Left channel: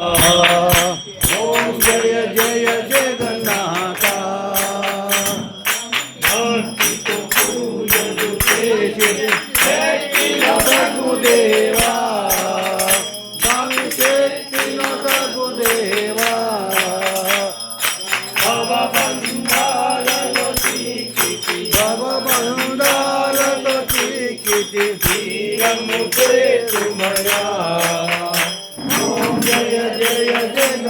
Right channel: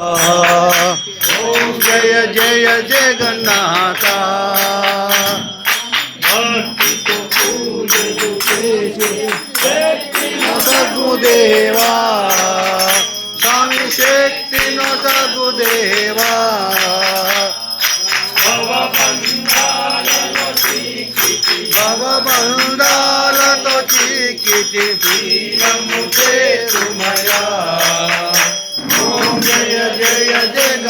ఓం జయ జయ జగన్నాథ భక్తితో పూజలు చేసే సగుదేవా స్వామి శక్తి నొసగుదేవా భవబంధాలతో చీకిటి వీరము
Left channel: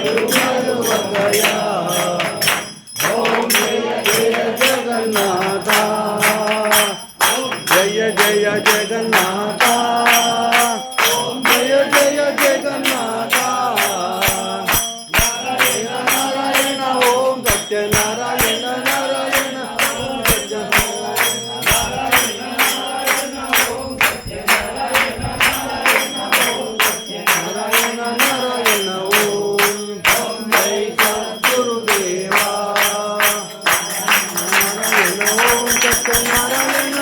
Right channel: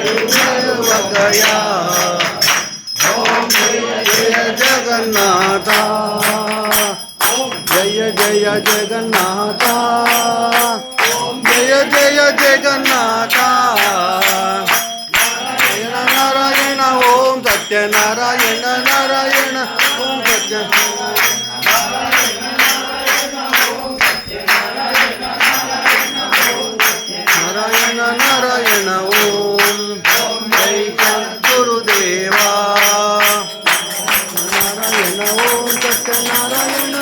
వగయా ఓం జయ జయ జగన్నాథ జయ జయ జగన్నాథ జయ జయ జగన్నాథ నారాయణ నారాయణ ఓం సత్యనారాయణ நாராயண ஓம் சத்த நாராயண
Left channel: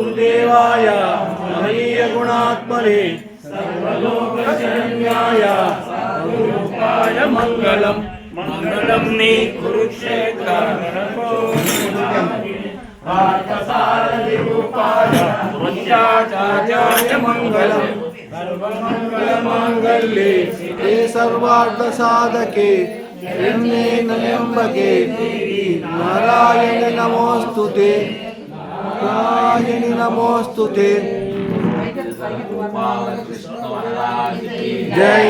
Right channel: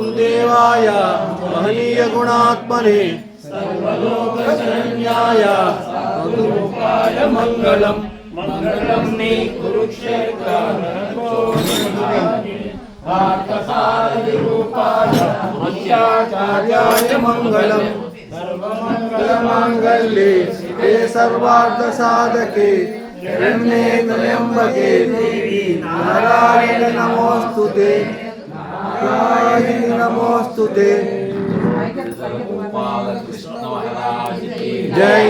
कुलदेवाय महनीयगुणात्मने सर्वलोकशरण्याय मधुरूपाय मङ्गलम् कुरुक्षेत्र ते सर्वार्थसाधके हिरण्ये ते। నారాయణి నమోస్తుతే. జై